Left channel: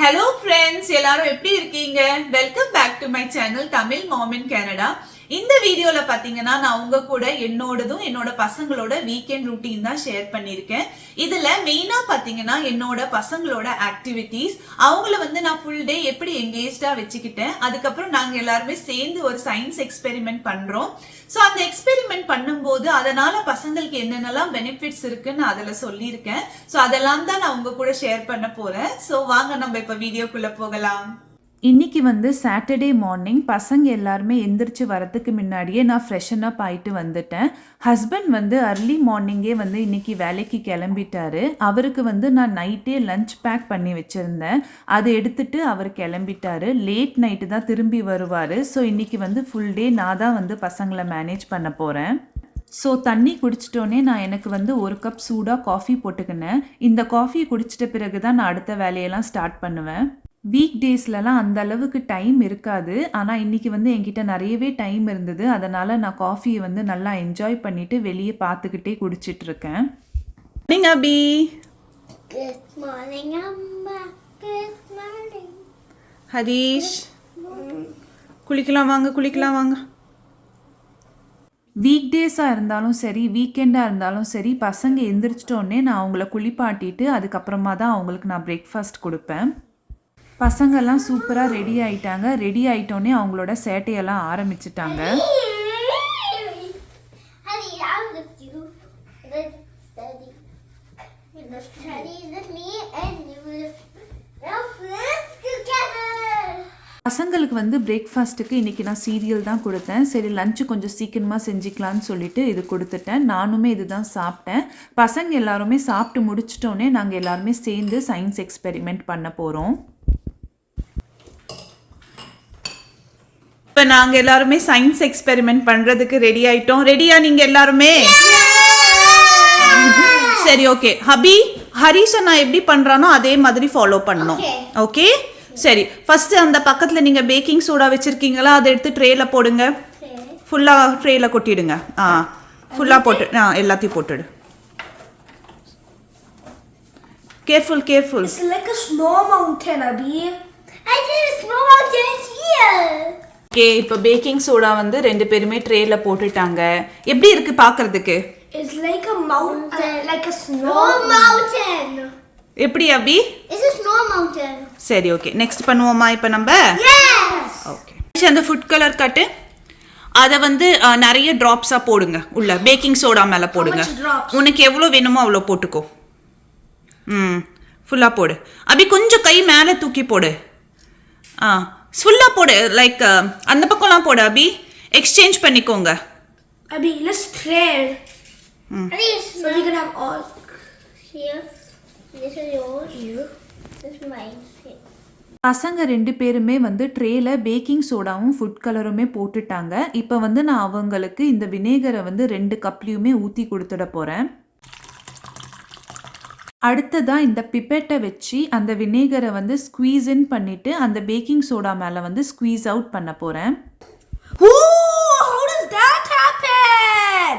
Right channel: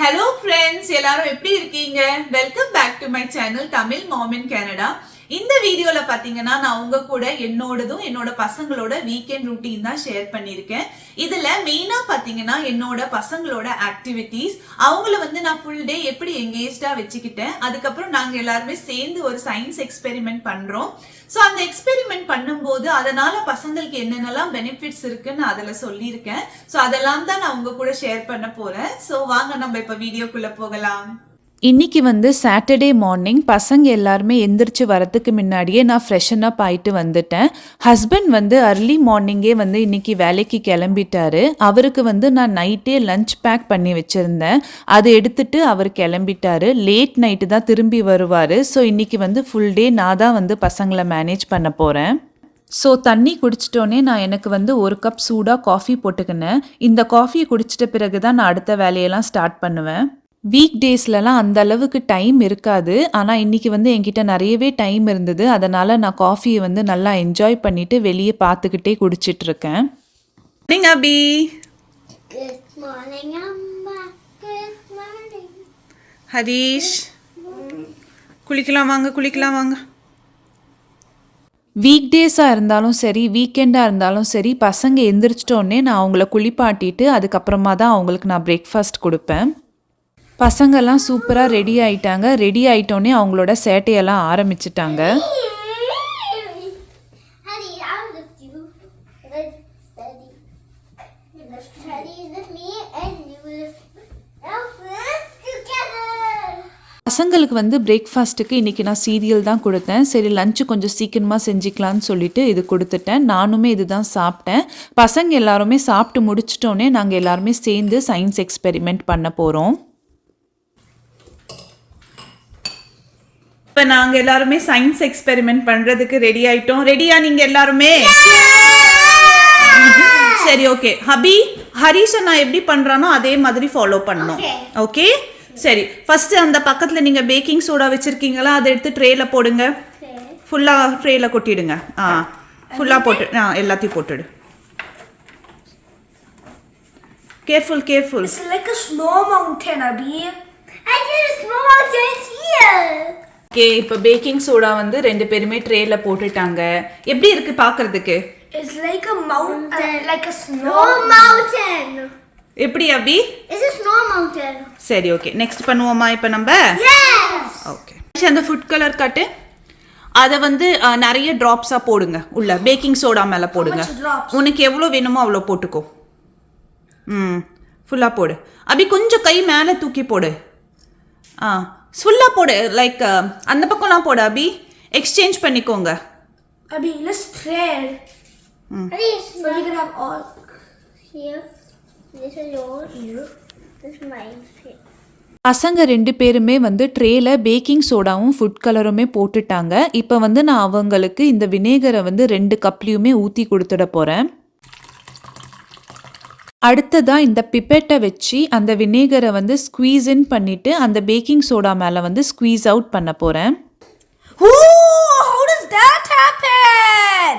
Hello friends, எல்லாரும் எப்படி இருக்கீங்க? Welcome back to my channel Tamil Mom in Canada. இந்த வீடியோல பாத்தீங்கன்னா நான் உங்க கூட என்னோட பசங்களோட வீக்கெண்ட் ரூட்டீன் தான் ஷேர் பண்ணிருக்கேன். இதுல மெயினா பாத்தீங்கன்னா என்னோட பசங்களோட ஆக்டிவிட்டீஸ், அவங்கள நான் ஃபுல் டே எப்படி எங்கேஜ்டா வச்சுக்கிட்டேன். அதுக்கப்புறம் நாங்க எல்லாருமே சேர்ந்து ஒரு சயின்ஸ் எக்ஸ்பெரிமெண்ட் பண்றோம். சோ அந்த எக்ஸ்பெரிமெண்ட் பண்ணும்போது அதனால பசங்களுக்கு என்னென்னலாம் பெனிஃபிட்ஸ் இருக்குன்னு அதுல சொல்லியிருக்கேன். சோ அதெல்லாம் தான் நான் உங்க கூட ஷேர் பண்ண போறேன். சோ வாங்க நம்ம இப்ப வீடியோக்குள்ள போகலாம். இன்றைக்கி சாட்டர்டே மார்னிங் பசங்க எல்லாருமே எந்திரிச்சு வரதுக்கு முன்னாடியே நான் ஃப்ரெஷன் அப் ஆகிட்டு வந்துட்டேன். ஹஸ்பண்ட் அர்லி மார்னிங்கே இன்றைக்கி வேலைக்கு கிளம்பிட்டாரு. அவருக்கு நான் நைட்டே லஞ்ச் பேக் பண்ணி வச்சுருந்தேன். அதை எடுத்துகிட்டு அவர் கிளம்பிட்டாரு. லேட் நைட்டு தான் திரும்பி வருவார். ஸோ இன்றைக்கி ஃபுல் டே நான் தான் பசங்களை மேனேஜ் பண்ண போகிறேன். ஸோ தண்ணி குடிச்சிட்டோன்னே நான் எனக்கு ஒரு கப் சூடாக காஃபி போட்டுக்கினேன். இந்த காஃபியை குடிச்சிட்ட பிறகு தான் நான் அடுத்த வேலையெல்லாம் ஸ்டார்ட் பண்ணுவேன். வீக் டேஸ்லலாம் அந்த அளவுக்கு டைம் இருக்காது. ஆனால் இன்றைக்கி என்கிட்ட நிறையவே டைம் இருந்தது. அதனால் நான் காஃபியை நல்லா என்ஜாய் பண்ணிவிட்டு வெளியே பார்த்துக்கிட்டே குடிச்சிட்ருக்கேன். மார்னிங் அபி. Good morning, Amma. Good morning. Harish, குளிக்கலாம் வாங்க. வீக் டேஸாக இருந்தாலும் சரி, வீக்கெண்டாக இருந்தாலும் சரி, பசங்க எந்திரிச்சிட்டோன்னே நான் அவங்கள குளிப்பாட்டிட்டு அதுக்கப்புறமா தான் அவங்களுக்கு நான் பிரேக்ஃபாஸ்ட் கொடுப்பேன். பசங்கள்லாம் சூப்பராக ரெடி ஆகிட்டாங்க. ரெடி ஆகிட்டோன்னே அவங்களோட சேட்டையெல்லாம் ஆரம்பிச்சிட்டாங்க. பசங்களுக்கு பிரேக்ஃபாஸ்ட்டுக்கு இன்றைக்கி நான் சீரியல் தான் கொடுத்தேன். சரி லஞ்சு கொஞ்சம் சீக்கிரமாக செஞ்சுக்கலான்னு சொல்லிட்டு இது கொடுத்துட்டேன். நானுமே இது தான் சாப்பிட்டேன். பசங்க எல்லாருமே சாப்பிட்டு முடிச்சிட்டோன்னே நாங்கள் எல்லாருமே சேர்ந்து சயின்ஸ் எக்ஸ்பெரிமெண்ட் பண்ண போகிறோம். இப்போ நாங்கள் எல்லாருமே சயின்ஸ் எக்ஸ்பெரிமெண்ட் பண்ணுறதுக்கு ரெடி ஆகிட்டோம். ரெடியா நீங்கள் எல்லாருமே? சரி ஓகே. ஹரீஷை நான் எப்படி பண்ணுறானோ அதே மாதிரி ஃபாலோ பண்ணணும். ஓகே சரி. ஃபஸ்ட்டு அந்த பக்கத்தில் நீங்கள் பேக்கிங் சோடா வச்சுருக்கீங்களா, அதை எடுத்து ட்ரேயில் போடுங்க. ஃபுல்லாக ட்ரேயில் கொட்டிடுங்க. ஃபுல்லாக போட்டு எல்லாத்தையும் போட்டுடு. Careful. It's like a snow mountain, Abhi. I did a snow mountain here. Okay, இப்போ பேக்கிங் சோடா ரெண்டு பேருமே ட்ரேல போட்டுட்டாங்க. எப்படி இருக்கு பார்க்கிறதுக்கு? It's like a mountain, like a snow mountain. எப்படி அபி? It's a snow mountain. சரி ஓகே, நெக்ஸ்ட் பண்ணுவோமா இப்போ நம்ம? Yes. ஓகே, அந்த ஃபுட் கலர் கட்டு அதை நிறைய ட்ராப்ஸாக போடுங்க. உள்ள பேக்கிங் சோடா மேலே போடுங்க. உனக்கு எவ்வளோ வேணுமோ அவ்வளோ போட்டுக்கோ. ஃபுல்லாக போடு அபி. கொஞ்சம் கை மேலே தூக்கி போடு. ஃபுல்லாக போடு. லைக் அந்த பக்கம்லாம் போடு அபி. எக்ஸ்சேஞ்ச் பண்ணிக்கோங்க. Abhi, let's trade. So we can have all here. This is yours. Here. This is mine. பசங்க ரெண்டு பேருமே ட்ரேல பேக்கிங் சோடாவும் ஃபுட் கலருமே போட்டுட்டாங்க. இப்போ நான் அவங்களுக்கு இந்த வினேகரை 2 கப்லேயுமே ஊற்றி கொடுத்துட போகிறேன். அடுத்ததாக இந்த பிப்பெட்டை வச்சு அந்த வினேகரை ஸ்குவீஸ் இன் பண்ணிவிட்டு அந்த பேக்கிங் சோடா மேலே ஸ்குவீஸ் அவுட் பண்ண போகிறேன். How does that happen?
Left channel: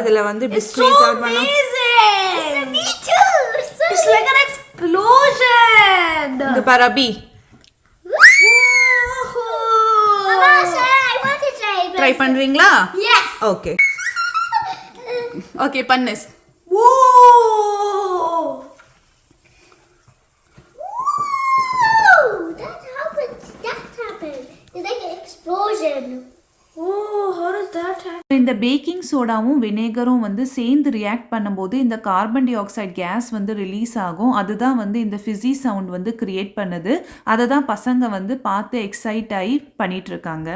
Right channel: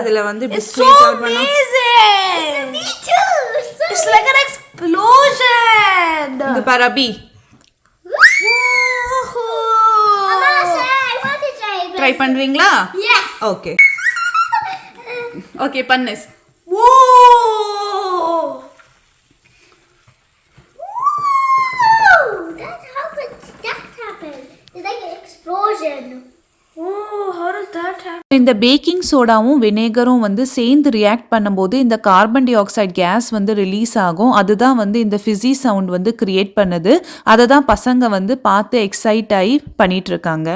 இதில் இப்படி ஸ்குவீஸ் அவுட் பண்ணா Me too. It's like an explosion. இங்க பாரு அபி. I want to try. Try பண்ணுறீங்களா? Yes. ஓகே ஓகே பண்ணு. Whoa! That happened. It's like an explosion. Oh, how does that happen? இந்த packing சோடாவும் வினேகரும் சேர்ந்து react பண்ணும்போது இந்த carbon di oxide case release ஆகும். அதுதான் இந்த ஃபிஸி சவுண்ட் கிரியேட் பண்ணுது. அதை தான் பசங்க பார்த்து எக்ஸைட் ஆகி பண்ணிட்டு இருக்காங்க.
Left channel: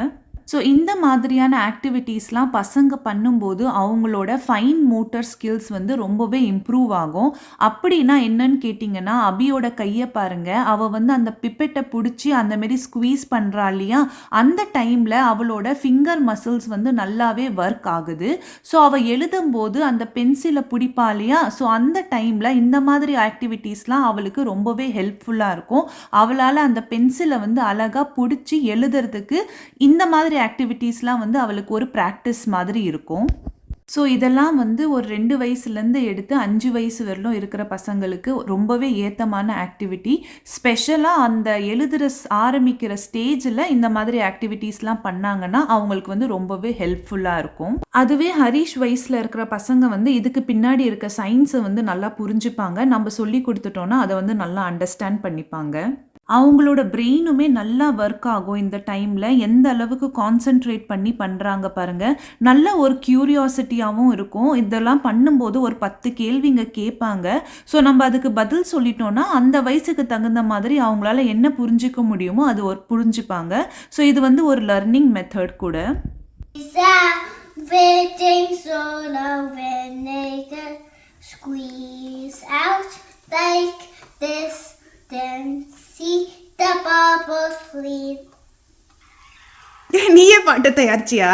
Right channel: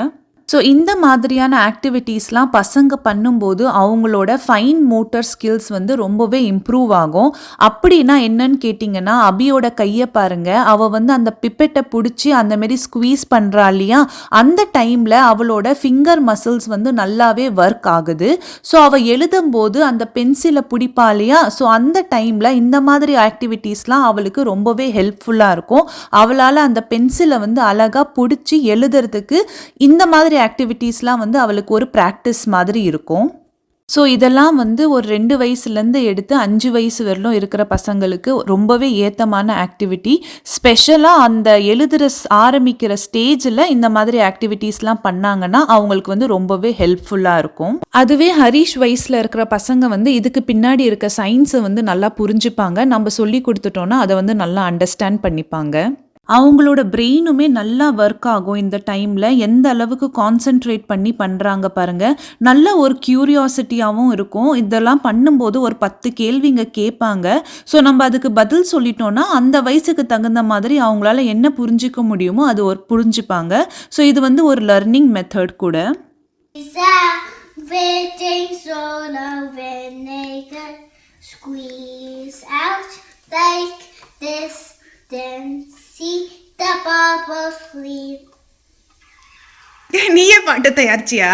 ஸோ இந்த மாதிரியான ஆக்டிவிட்டீஸ்லாம் பசங்க பண்ணும்போது அவங்களோட ஃபைன் மோட்டார் ஸ்கில்ஸ் வந்து ரொம்பவே இம்ப்ரூவ் ஆகும். அப்படின்னா என்னன்னு கேட்டிங்கன்னா, அபியோட கையை பாருங்க, அவள் வந்து அந்த பிப்பெட்டை பிடிச்சி அந்தமாரி ஸ்குவீஸ் பண்ணுறா இல்லையா, அந்த டைமில் அவளோட ஃபிங்கர் மசில்ஸ் வந்து நல்லாவே ஒர்க் ஆகுது. ஸோ அவள் எழுதும்போது அந்த பென்சிலை பிடிப்பா இல்லையா, ஸோ அந்த டைமில் இந்த மாதிரி ஆக்டிவிட்டீஸ்லாம் அவளுக்கு ரொம்பவே ஹெல்ப்ஃபுல்லாக இருக்கும். அவளால் அந்த பென்சிலை வந்து அழகாக பிடிச்சி எழுதுறதுக்கு இந்த மாதிரி ஆக்டிவிட்டீஸ்லாம் வந்து அவளுக்கு ஒரு ப்ராக்டிஸ் மாதிரி இருக்கும். ஸோ இதெல்லாம் வந்து ஒரு 2 வயசுலேருந்து எடுத்து 5 வயசு வரலும் இருக்கிற பசங்களுக்கு ரொம்பவே ஏத்தமான ஆக்டிவிட்டி. ஸ்பெஷலாக அந்த எழுதுகிற ஆரம்பிக்கிற ஸ்டேஜில் இந்த மாதிரி ஆக்டிவிட்டீஸ்லாம் பண்ணாங்கன்னா அவங்களுக்கு வந்து ரொம்பவே ஹெல்ப்ஃபுல்லாக இருக்கும். அதுவே ஹரிஷ் வயசில் இருக்கிற பசங்க வந்து இதுக்கு பின்னாடி இருக்க சயின்ஸை வந்து நல்லா புரிஞ்சுப்பாங்க. நம்ம சொல்லி கொடுத்துட்டோன்னா அதை வந்து நல்லா அண்டர்ஸ்டாண்ட் பண்ணிப்பாங்க. அவங்களோட பிரெயினுமே நல்லா ஒர்க் ஆகும். இந்த டைமில் எந்த அளவுக்கு கான்சென்ட்ரேட் பண்ணி பண்ணுறாங்க பாருங்கள். நல்ல ஒரு க்யூரியாசிட்டியாகவும் இருக்கும். இதெல்லாம் பண்ணும்போது ஒரு 10 கேள்விங்க கேட்பாங்க. ஸோ நம்ம அதுக்கு பதில் சொல்லிட்டோன்னா அந்த வயசுக்கு தகுந்த மாதிரி அவங்களால என்ன புரிஞ்சிக்க முடியுமோ அது ஒரு புரிஞ்சுப்பாங்க. ஸோ இது வந்து ஒரு லர்னிங் மெத்தட் கூட. Squeeze out like this, then see the bubbles fleet. நீயே பாட்டு தயாரிச்சியா?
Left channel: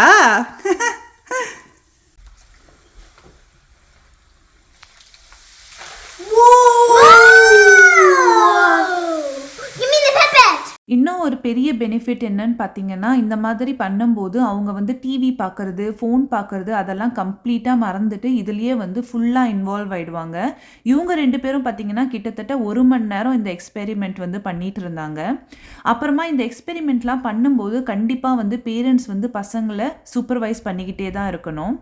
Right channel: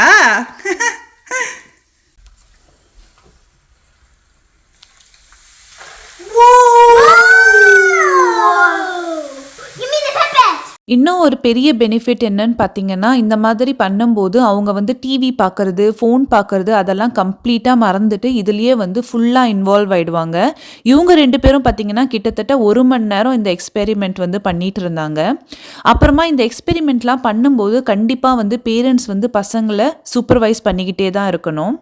இன்னும் ஒரு பெரிய பெனிஃபிட் என்னன்னு பார்த்தீங்கன்னா, இந்த மாதிரி பண்ணும்போது அவங்க வந்து டிவி பார்க்கறது, ஃபோன் பார்க்கறது அதெல்லாம் கம்ப்ளீட்டாக மறந்துட்டு இதுலேயே வந்து ஃபுல்லாக இன்வால்வ் ஆகிடுவாங்க. இவங்க 2 பேரும் பார்த்தீங்கன்னா கிட்டத்தட்ட 1 மணி நேரம் இந்த எக்ஸ்பெரிமெண்ட் வந்து பண்ணிகிட்டு இருந்தாங்க. அப்புறமா இந்த எக்ஸ்பெரிமெண்ட்லாம் பண்ணும்போது கண்டிப்பாக வந்து பேரண்ட்ஸ் வந்து பசங்களை சூப்பர்வைஸ் பண்ணிக்கிட்டே தான் இருக்கணும்.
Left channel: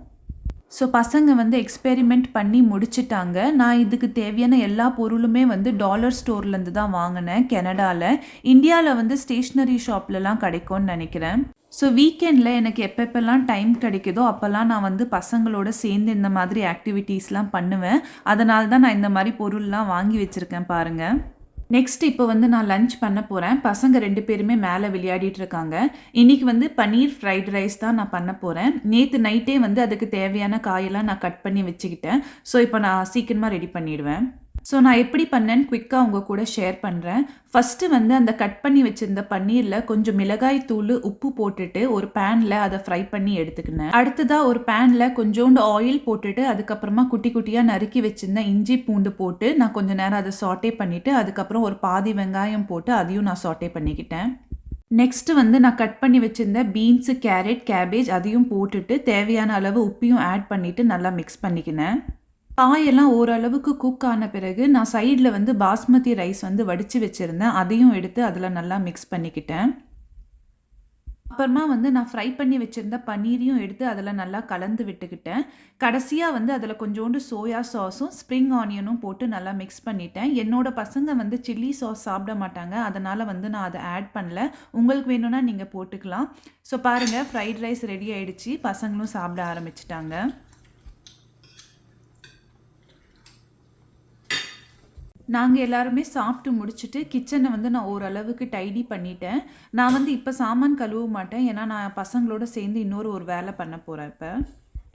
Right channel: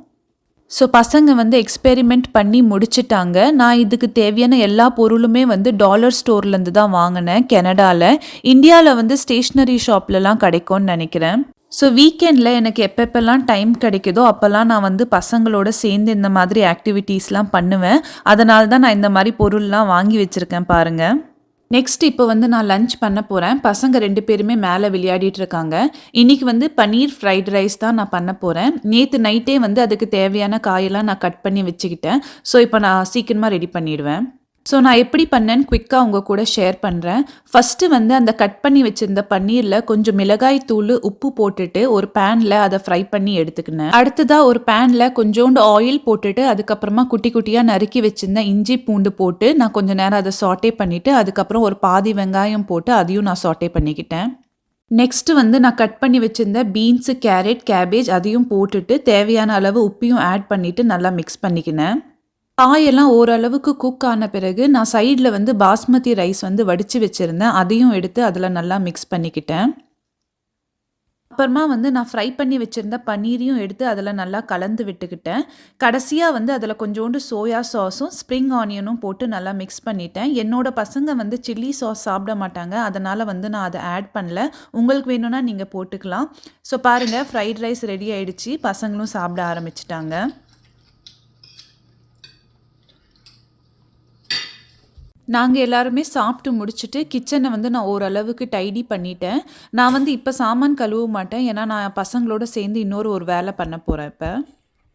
ஸோ பசங்க வந்து எக்ஸ்பெரிமெண்ட் பண்ணி முடிச்சிட்டாங்க. நான் இதுக்கு தேவையான எல்லா பொருளுமே வந்து டாலர் ஸ்டோர்லேருந்து தான் வாங்கினேன் கனடாவில். இந்தியாவில் வந்து ஸ்டேஷ்னரி ஷாப்லலாம் கிடைக்கும்னு நினைக்கிறேன். ஸோ வீக்கெண்டில் எனக்கு எப்பப்பெல்லாம் டைம் கிடைக்குதோ அப்போல்லாம் நான் வந்து பசங்களோட சேர்ந்து இந்த மாதிரி ஆக்டிவிட்டீஸ்லாம் பண்ணுவேன். அதனால தான் நான் இந்த மாதிரி பொருள்லாம் வாங்கி வச்சுருக்கேன் பாருங்கள். நெக்ஸ்ட் இப்போ வந்து நான் லஞ்ச் பண்ண போகிறேன். பசங்க 2 பேருமே மேலே விளையாடிட்டு இருக்காங்க. இன்றைக்கி வந்து பன்னீர் ஃப்ரைட் ரைஸ் தான் நான் பண்ண போகிறேன். நேற்று நைட்டே வந்து அதுக்கு தேவையான காயெல்லாம் நான் கட் பண்ணி வச்சுக்கிட்டேன். ஸோ இப்போ நான் சீக்கிரமாக ரெடி பண்ணிடுவேன். ஸோ நான் எப்படி பண்ணேன்னு குயிக்காக உங்கள் கூட ஷேர் பண்ணுறேன். ஃபஸ்ட்டு வந்து அந்த கட் பண்ணி வச்சுருந்த பன்னீரில் கொஞ்சம் மிளகாய் தூள் உப்பு போட்டுட்டு ஒரு பேனில் அதை ஃப்ரை பண்ணி எடுத்துக்கினேன். அடுத்ததாக ஒரு பேனில் கொஞ்சோண்டு ஆயில் போட்டுட்டு அதுக்கப்புறமா குட்டி குட்டியாக நறுக்கி வச்சுருந்த இஞ்சி பூண்டு போட்டு நான் கொஞ்சம் நேரம் அதை சாட்டே பண்ணிவிட்டு அதுக்கப்புறம் ஒரு பாதி வெங்காயம் போட்டு அதையும் நான் சாட்டே பண்ணிக்கிட்டேன். நெக்ஸ்ட்டு வந்து நான் கட் பண்ணி வச்சுருந்த பீன்ஸு, கேரட், கேபேஜ் அதையும் போட்டுட்டு தேவையான அளவு உப்பையும் ஆட் பண்ணிவிட்டு நல்லா மிக்ஸ் பண்ணிக்கினேன். காயெல்லாம் ஓரளவுக்கு குக் ஆன பிறகு நான் சைடில் வந்து பாஸ்மதி ரைஸ் வந்து வடித்து வச்சுருந்தேன். அதையும் எடுத்து அதில் நல்லா மிக்ஸ் பண்ணிக்கிட்டேன். அப்புறமா வந்து நான் ஃப்ரை பண்ணி வச்சுருந்த பன்னீரையும் எடுத்து அதில் நல்லா கலந்து விட்டுக்கிட்டேன். கடைசியாக வந்து அதில் கொஞ்சோண்டு சோயா சாஸும் ஸ்ப்ரிங் ஆனியனும் போட்டு நல்லா மிக்ஸ் பண்ணிட்டேன். என்னோடய பசங்க வந்து சில்லி சாஸ் சாப்பிட மாட்டாங்க, அதனால் வந்து நான் அதை ஆட் பண்ணல. உங்களுக்கு வேணும்னா நீங்கள் போட்டுக்கலாம். ஸோ பாருங்கள், ஃப்ரைட் ரைஸ் ரெடி ஆகிடுச்சு. பசங்களும் சாப்பிட ஆரம்பிச்சிட்டாங்க. நாங்கள் எல்லாருமே சாப்பிட்டு முடிச்சுட்டு கிச்சனை வந்து நான் ஓரளவுக்கு டைடி பண்ணிட்டேன். நான் வந்து இப்போ சாமான் கழுவ மாட்டேன், ஏன்னா நான் பசங்களோட சேர்ந்து ஒரு வேலை பண்ண போகிறேன். இப்போ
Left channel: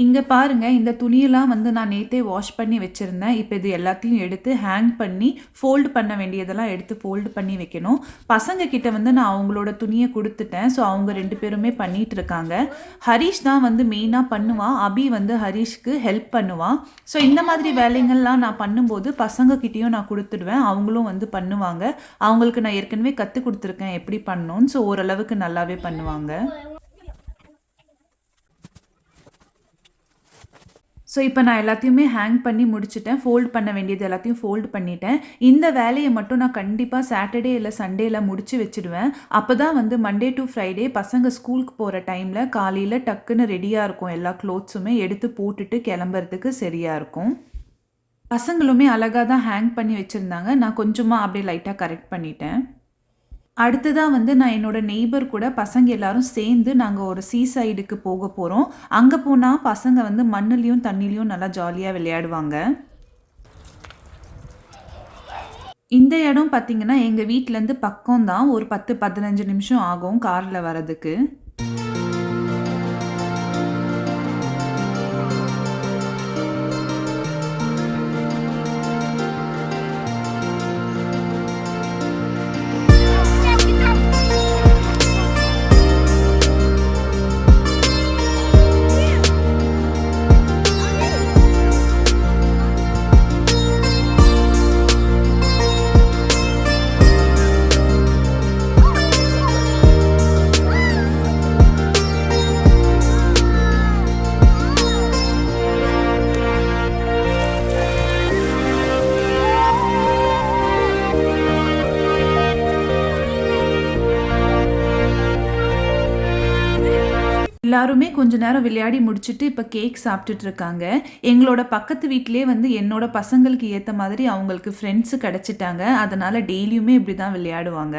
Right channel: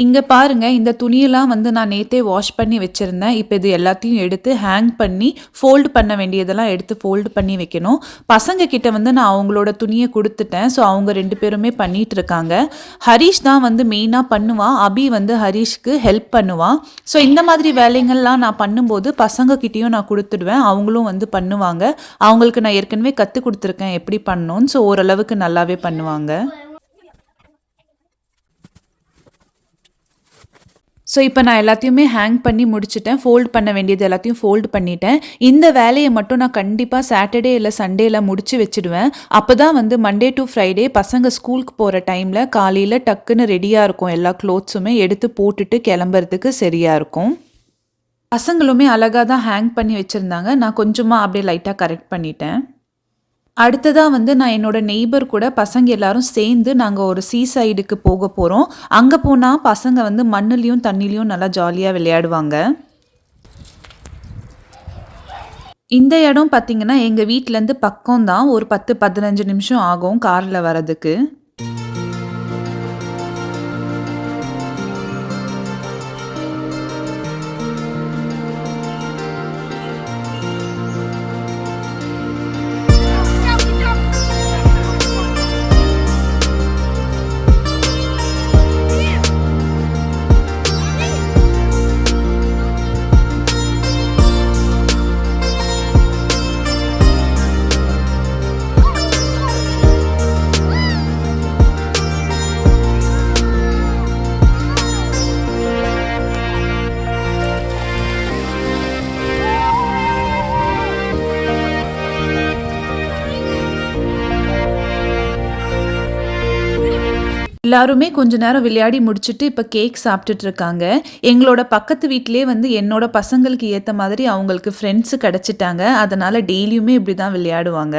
இங்கே பாருங்கள், இந்த துணியெல்லாம் வந்து நான் நேற்றே வாஷ் பண்ணி வச்சுருந்தேன். இப்போ இது எல்லாத்தையும் எடுத்து ஹேங் பண்ணி ஃபோல்டு பண்ண வேண்டியதெல்லாம் எடுத்து ஃபோல்டு பண்ணி வைக்கணும். பசங்க கிட்ட வந்து நான் அவங்களோட துணியை கொடுத்துட்டேன். ஸோ அவங்க 2 பேருமே பண்ணிகிட்டு இருக்காங்க. ஹரிஷ் தான் வந்து மெயினாக பண்ணுவான். அபி வந்து ஹரிஷ்க்கு ஹெல்ப் பண்ணுவான். ஸோ இந்த மாதிரி வேலைகள்லாம் நான் பண்ணும்போது பசங்கக்கிட்டேயும் நான் கொடுத்துடுவேன். அவங்களும் வந்து பண்ணுவாங்க. அவங்களுக்கு நான் ஏற்கனவே கற்றுக் கொடுத்துருக்கேன் எப்படி பண்ணணும்னு. ஸோ ஓரளவுக்கு நல்லாவே பண்ணுவாங்க. ஸோ இப்போ நான் எல்லாத்தையுமே ஹேங் பண்ணி முடிச்சுட்டேன். ஃபோல்டு பண்ண வேண்டியது எல்லாத்தையும் ஃபோல்டு பண்ணிட்டேன். இந்த வேலையை மட்டும் நான் கண்டிப்பாக சாட்டர்டே இல்லை சண்டேல முடிச்சு வச்சுடுவேன். அப்போ தான் வந்து மண்டே டு ஃப்ரைடே பசங்க ஸ்கூலுக்கு போகிற டைமில் காலையில் டக்குன்னு ரெடியாக இருக்கும். எல்லா க்ளோத்ஸுமே எடுத்து போட்டுட்டு கிளம்புறதுக்கு சரியாக இருக்கும். பசங்களுமே அழகாக தான் ஹேங் பண்ணி வச்சுருந்தாங்க. நான் கொஞ்சமாக அப்படியே லைட்டாக கரெக்ட் பண்ணிட்டேன். அடுத்ததாக வந்து நான் என்னோட நெய்பர் கூட பசங்க எல்லாரும் சேர்ந்து நாங்கள் ஒரு சீ சைடுக்கு போக போகிறோம். அங்கே போனால் பசங்க வந்து மண்ணுலேயும் தண்ணிலையும் நல்லா ஜாலியாக விளையாடுவாங்க. இந்த இடம் பார்த்திங்கன்னா எங்கள் வீட்டிலேருந்து பக்கம்தான். ஒரு 10-15 நிமிஷம் ஆகும் காரில் வரதுக்கு. எல்லாருமே கொஞ்ச நேரம் விளையாடி முடிச்சுட்டு இப்போ கேக் சாப்பிட்டுட்டு இருக்காங்க. எங்களோட பக்கத்து வீட்டிலே வந்து என்னோட பசங்களுக்கு ஏற்ற மாதிரி அவங்களுக்கு ஃப்ரெண்ட்ஸு கிடச்சிட்டாங்க. அதனால் டெய்லியுமே இப்படி தான் விளையாடுவாங்க.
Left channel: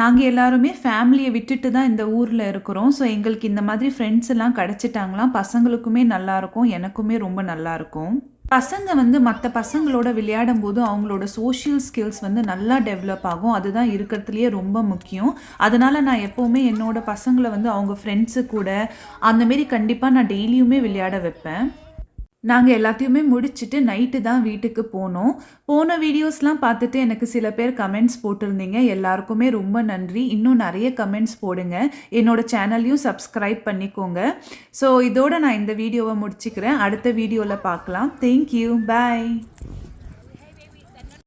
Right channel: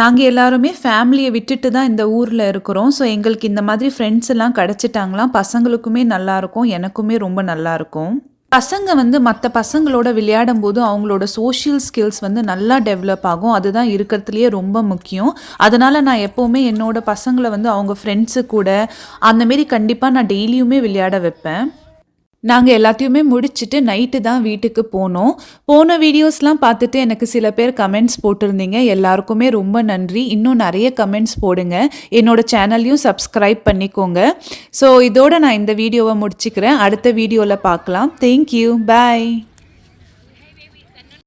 நாங்கள் எல்லாருமே ஃபேமிலியை விட்டுட்டு தான் இந்த ஊரில் இருக்கிறோம். ஸோ எங்களுக்கு இந்த மாதிரி ஃப்ரெண்ட்ஸ் எல்லாம் கிடச்சிட்டாங்களாம். பசங்களுக்குமே நல்லாயிருக்கும், எனக்குமே ரொம்ப நல்லாயிருக்கும். பசங்க வந்து மற்ற பசங்களோட விளையாடும் போது அவங்களோட சோஷியல் ஸ்கில்ஸ் வந்து நல்லா டெவலப் ஆகும். அதுதான் இருக்கிறதுலையே ரொம்ப முக்கியம். அதனால் நான் எப்போவுமே என்னோட பசங்களை வந்து அவங்க ஃப்ரெண்ட்ஸு கூட அந்தமாரி கண்டிப்பாக நான் டெய்லியுமே விளையாட வைப்பேன். நாங்கள் எல்லாத்தையுமே முடிச்சுட்டு நைட்டு தான் வீட்டுக்கு போனோம். போன வீடியோஸ்லாம் பார்த்துட்டு எனக்கு சில பேர் கமெண்ட்ஸ் போட்டிருந்தீங்க. எல்லாருக்குமே ரொம்ப நன்றி. இன்னும் நிறைய கமெண்ட்ஸ் போடுங்க. என்னோட சேனல்லையும் சப்ஸ்கிரைப் பண்ணிக்கோங்க. ஸோ இதோட நான் இந்த வீடியோவை முடிச்சுக்கிறேன். அடுத்த வீடியோவில் பார்க்கலாம். தேங்க்யூ, பாய்.